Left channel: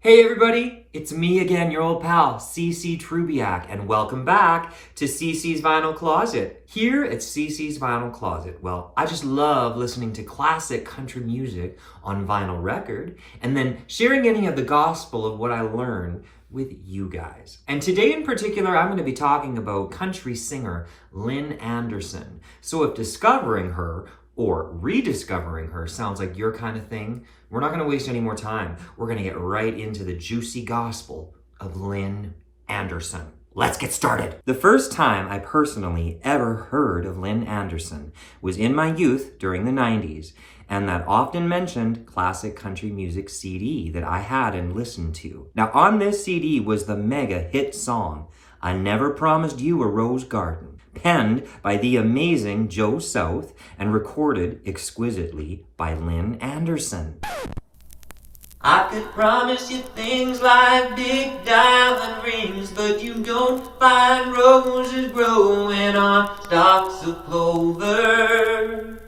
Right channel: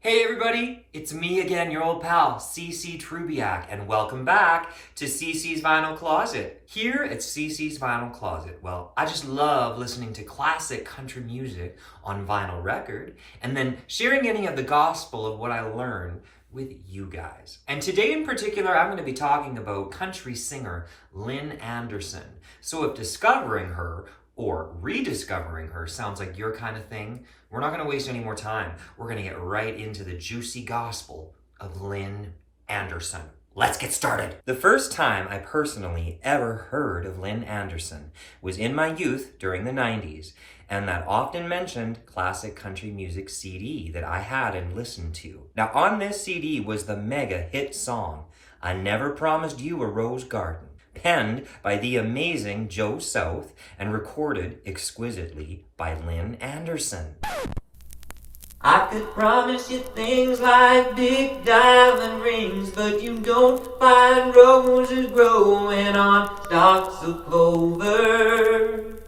Hey everybody, it's me again, your old pal, CC Trubiak, and welcome back to CC's Vinyl Closet. Here at CC's Vinyl Closet, well, I just love listening to classic country music on vinyl record, and then sharing any of the gospel of what I learned with you guys. And today in particular, I'm going to be talking about country singer Lynn Anderson. So if discovering her or rediscovering her sounds like your kind of thing, we're not going to waste any more time. We're going to get right into the juicy gospel of Lynn Anderson. Let's get started. The first time I personally ever heard of Lynn Anderson was in my youth during the 90s, and that often mentioned classic country music CD that I had and listened to. Now on this CD was the mega hit song, I Never Promised You a Rose Garden, penned by the amazing Joe South and recorded exquisitely by Lynn Anderson. I could promise you things like big diamond rings, but you don't find roses growing on stalks of clover.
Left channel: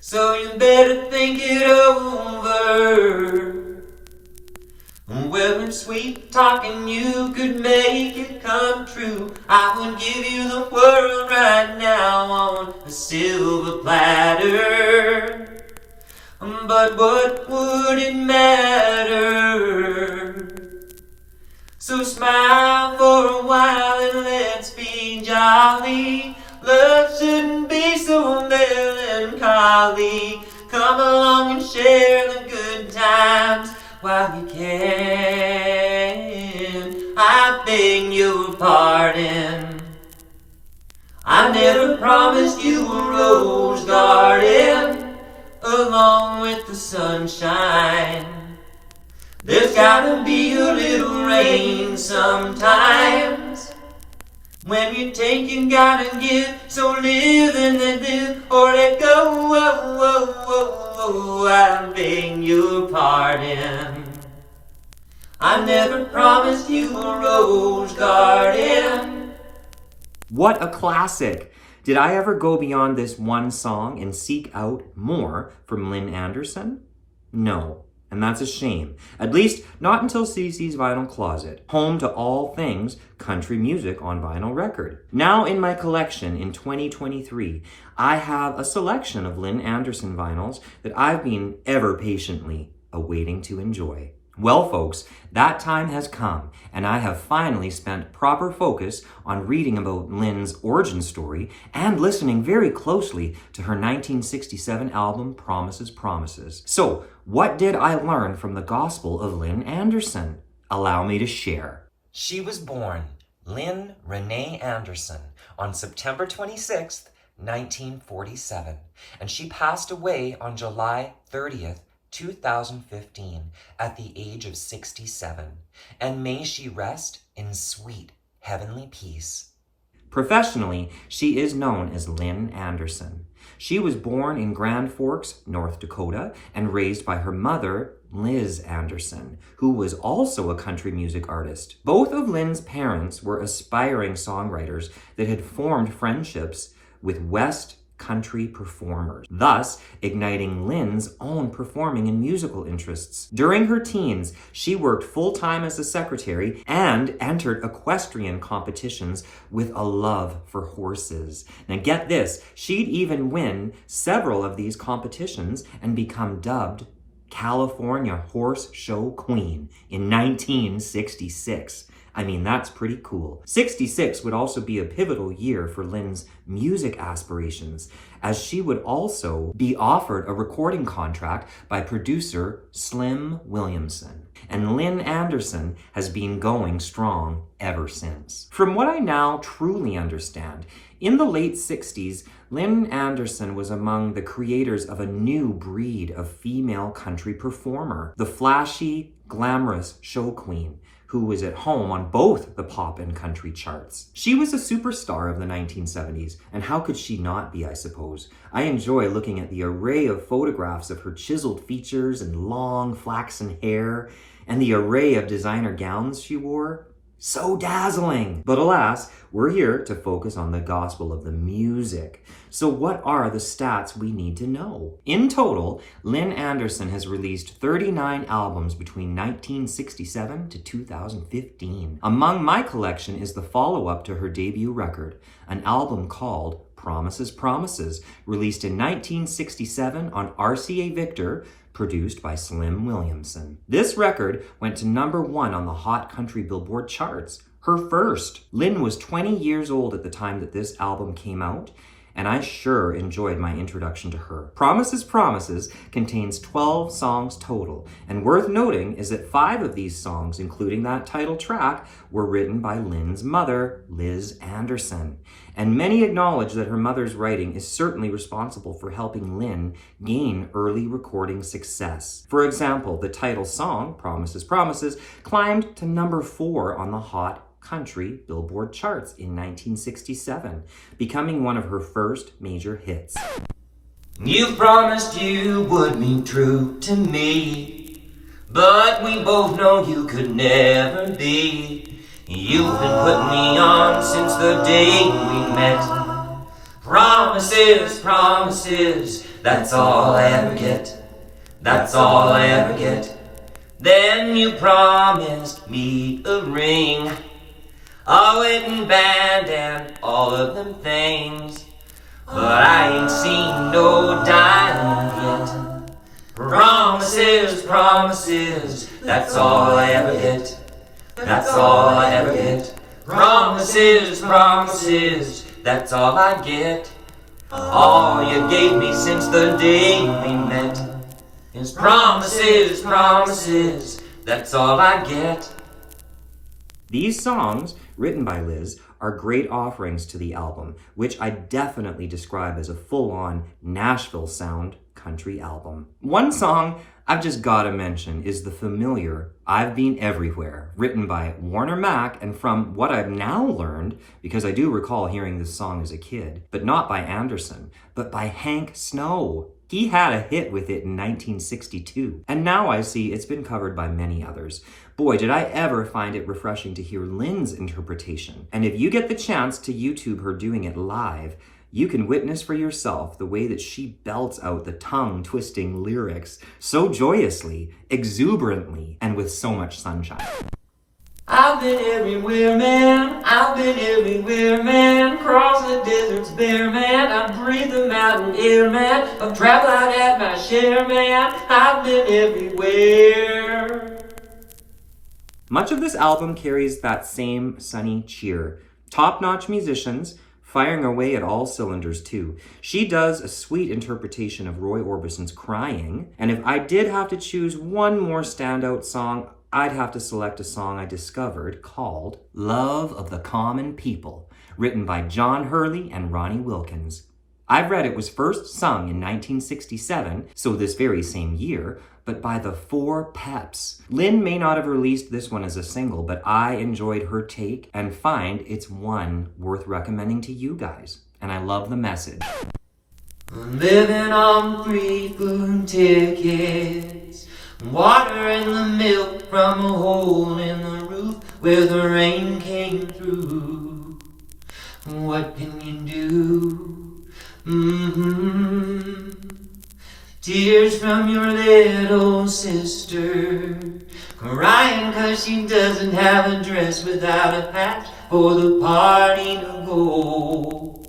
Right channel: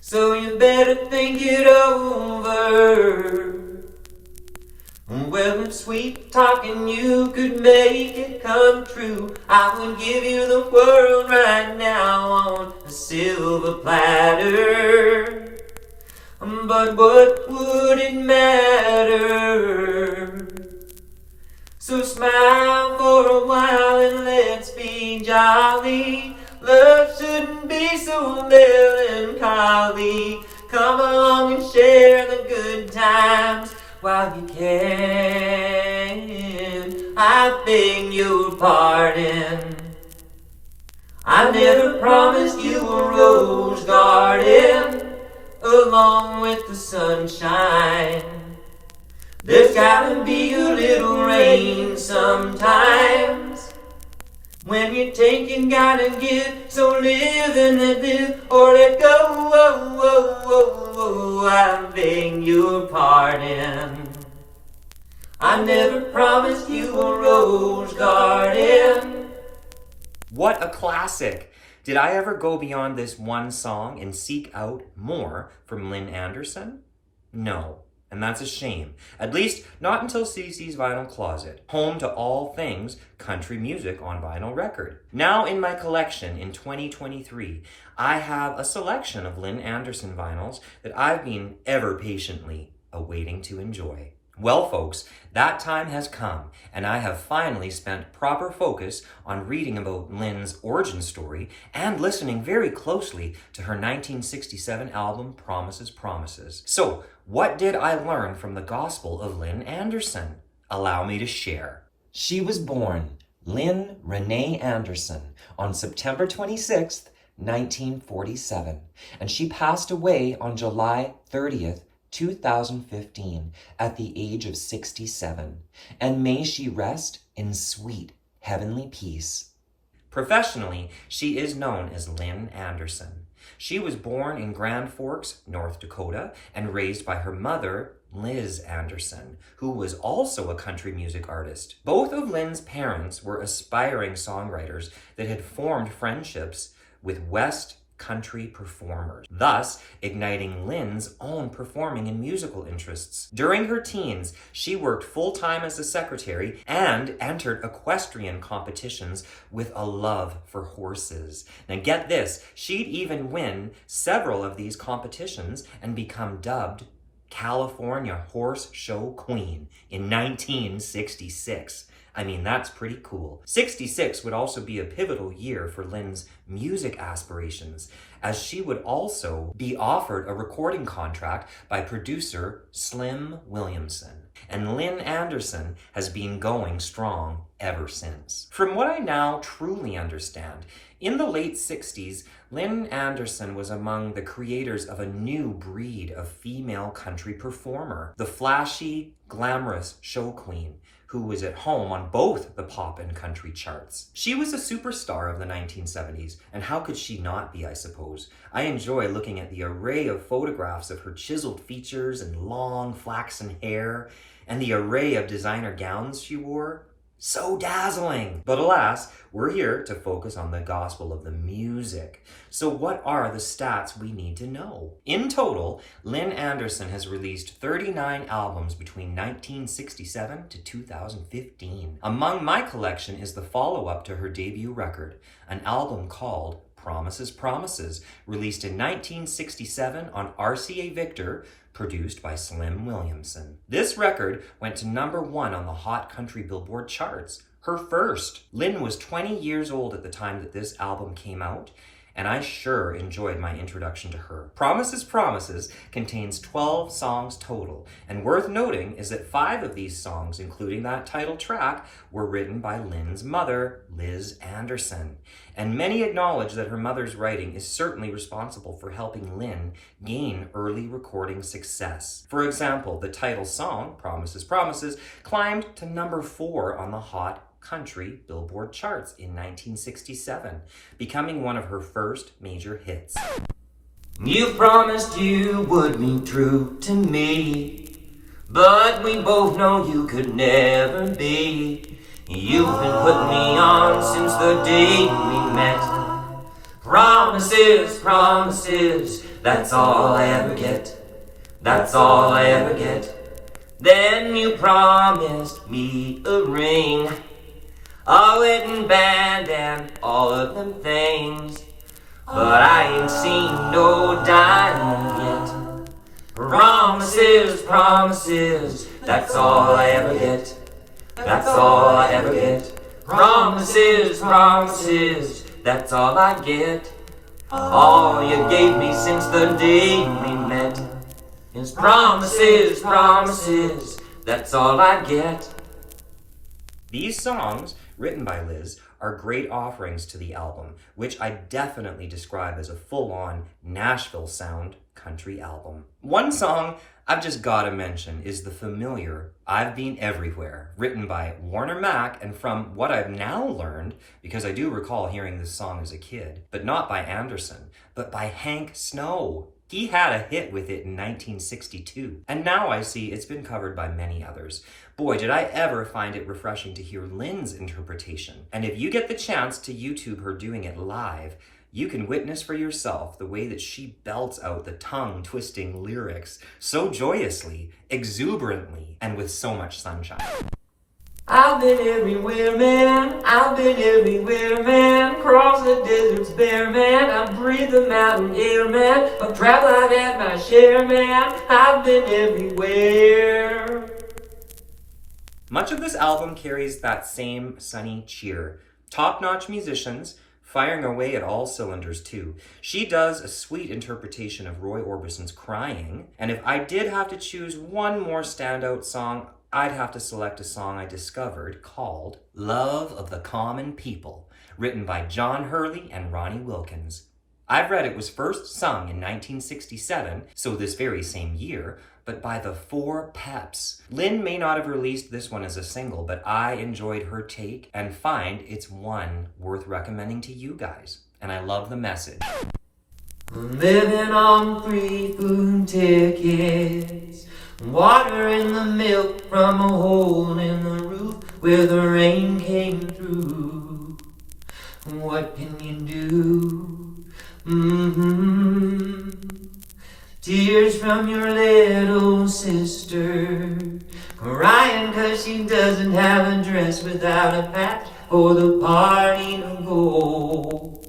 So you better think it over. Well, in sweet talking you could make it come true. I would give you the world right now on a silver platter. But what would it matter? So smile for a while and let's be jolly. Love shouldn't be so melancholy. Come along and share the good times while you can. I beg your pardon. I never promised you a rose garden along with the sunshine. There's gotta be a little rain sometimes. When you take, you gotta give. So live and let live, or let go. Whoa, whoa, whoa, whoa. I beg your pardon. I never promised you a rose garden. What a classic! Did I ever go beyond this one song and seek out more from Lynn Anderson? No. And that's a shame. At least not until CC's Vinyl Closet, home to all things country music on vinyl record. Now in my collection in 2023, I have a selection of Lynn Anderson vinyls that I've been ever patiently awaiting to enjoy. Well, folks, that time has come, and I have finally spent proper focus on reading about Lynn's origin story and listening very closely to her 1967 album, Promises, Promises. So, what did I learn from the gospel of Lynn Anderson? Allow me to share. She was born Lynn Renee Anderson on September 26th, 1947, and she passed away on July 30th, 2015, at the age of 67, and may she rest in sweet heavenly peace. Professionally, she is known as Lynn Anderson. She was born in Grand Forks, North Dakota, and raised by her mother, Liz Anderson, who was also a country music artist. Both of Lynn's parents were aspiring songwriters that had formed friendships with West country performers, thus igniting Lynn's own performing and musical interests. During her teens, she worked full-time as a secretary and entered equestrian competitions with a love for horses. Now get this, she'd even win several of these competitions and become dubbed California Horse Show Queen in 1966. I mean, that's pretty cool. 66 would also be a pivotal year for Lynn's music aspirations, as she would also be offered a recording contract by producer Slim Williamson. And Lynn Anderson has been going strong ever since. From what I now truly understand, in the late 60s, Lynn Anderson was among the creators of a new breed of female country performer, the flashy, glamorous show queen, who was at home on both the pop and country charts. She was a superstar of the 1970s, and how could she not be, I suppose? I enjoy looking at the array of photographs of her chiseled features and long flaxen hair, and the array of designer gowns she wore. So dazzling! But alas, we're here to focus on the gospel of the music. So what are the stats we need to know? In total, Lynn Anderson has released 39 albums between 1967 to 2015. Among my collection is the follow-up to her debut record, an album called Promises, Promises, released in 1967 on RCA Victor, produced by Slim Williamson. This record went to #1 on the Hot Country Billboard charts, her first. Lynn was 20 years old at the time that this album came out, and I sure enjoyed my introduction to her. Promises, Promises contains 12 songs total, and worth noting is that 5 of these songs, including that title track, were written by Lynn's mother, Liz Anderson. And many acknowledge that her mother's writing is certainly responsible for helping Lynn gain early recording success. For example, the title song, Promises, Promises, climbed to #4 on the Hot Country Billboard charts in 1967, becoming one of her first major hits. You promised you would be true to me, but we both know you could never be. You've been putting me on since the day we met. Promises, promises, that's all I ever get. That's all I ever get. Then you promised me a ring, a wedding band and all of them things, but I ain't seen no diamond yet. Promises, promises, that's all I ever get. That's all I ever get. Promises, promises, that's all I get. All you gave me since the day we met is promises, promises, that's all I get. These songs, written by Liz, are great offerings to the album, which I definitely describe as a full-on Nashville sound country album. One song I've just gotta mention is the familiar I've Been Everywhere, written by Warner Mac, and from what I've now learned, because I do recall hearing this song as a kid, but not by Anderson, but by Hank Snow. He had a hit with it in 1962, and now I see it's been covered by many others. Boy, did I ever find it refreshing to hear Lynn's interpretation. And if you get the chance to YouTube her doing it live, you can witness for yourself the way that she belts out the tongue-twisting lyrics so joyously, exuberantly, and with so much sunshine. I've been everywhere, man. I've been everywhere, man. Cross the deserts bare, man. I've breathed the mountain air, man. I've traveled, I've had my share, man. I've been everywhere. Much of this album carries that same sunny cheer. Top-notch musicians, firing away at all cylinders too. She does a sweet interpretation of Roy Orbison's Crying, and if I did have to choose one more standout song, I'd have to select a song I discovered called Love of the Common People, written by John Hurley and Ronnie Wilkins. I've read it was first sung in 1967, so this very same year, but by the Four Peps. Lynn may not have released this one as a single, but I enjoyed her take and find it's one worth recommending to you guys. And I love the message. Living on 3 food tickets, water in the milk from a hole in the roof where the rain came through. What can you do? Tears from your little sister, crying 'cause she doesn't have a dress without a patch for the party to go.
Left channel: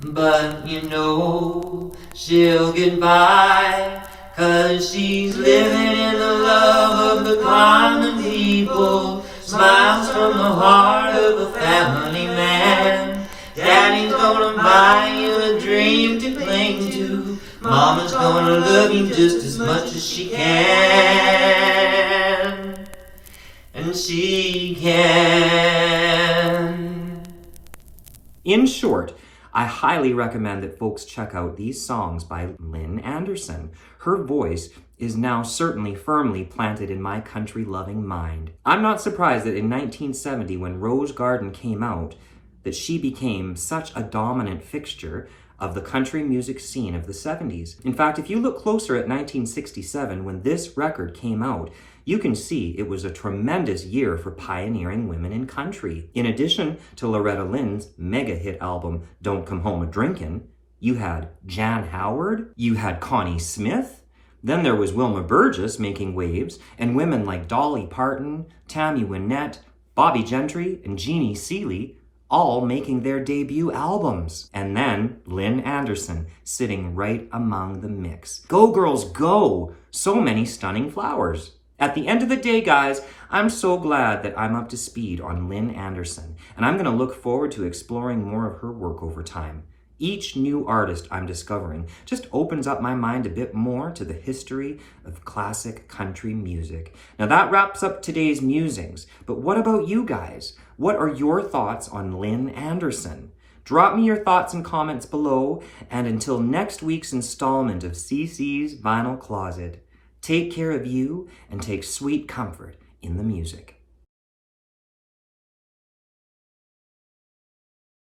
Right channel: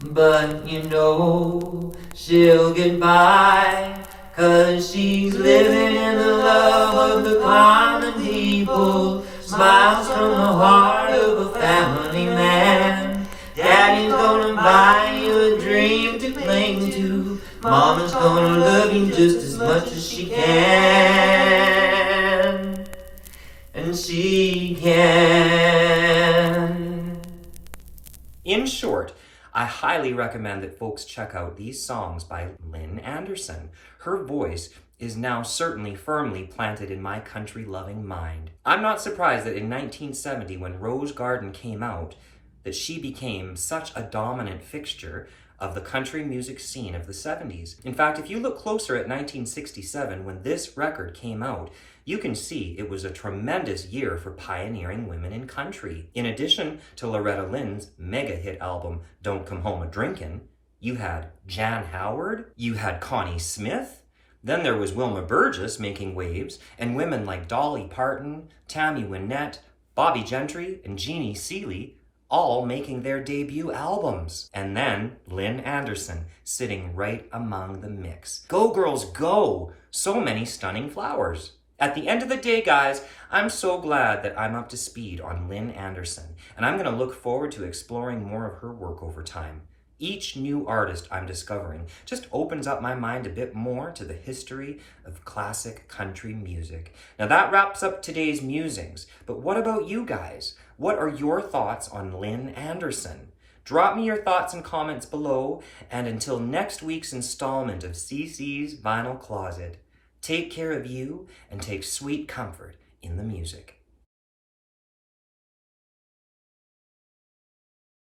But you know she'll get by, 'cause she's living in the love of the common people. Smiles from the heart of a family man. Daddy's gonna buy you a dream to cling to. Mama's gonna love you just as much as she can. And she can. In short, I highly recommend that folks check out these songs by Lynn Anderson. Her voice is now certainly firmly planted in my country-loving mind. I'm not surprised that in 1970, when Rose Garden came out, that she became such a dominant fixture of the country music scene of the 70s. In fact, if you look closer at 1967, when this record came out, you can see it was a tremendous year for pioneering women in country. In addition to Loretta Lynn's mega hit album, Don't Come Home A-Drinkin', you had Jan Howard, you had Connie Smith, then there was Wilma Burgess making waves, and women like Dolly Parton, Tammy Wynette, Bobby Gentry, and Jeannie Seeley all making their debut albums. And then Lynn Anderson sitting right among the mix. Go girls, go! So many stunning flowers. At the end of the day, guys, I'm so glad that I'm up to speed on Lynn Anderson, and I'm gonna look forward to exploring more of her work over time. Each new artist I'm discovering just opens up my mind a bit more to the history of classic country music. Now that wraps up today's musings, but what about you guys? What are your thoughts on Lynn Anderson? Drop me your thoughts and comments below, and until next week's installment of CC's Vinyl Closet, take care of you and take sweet comfort in the music.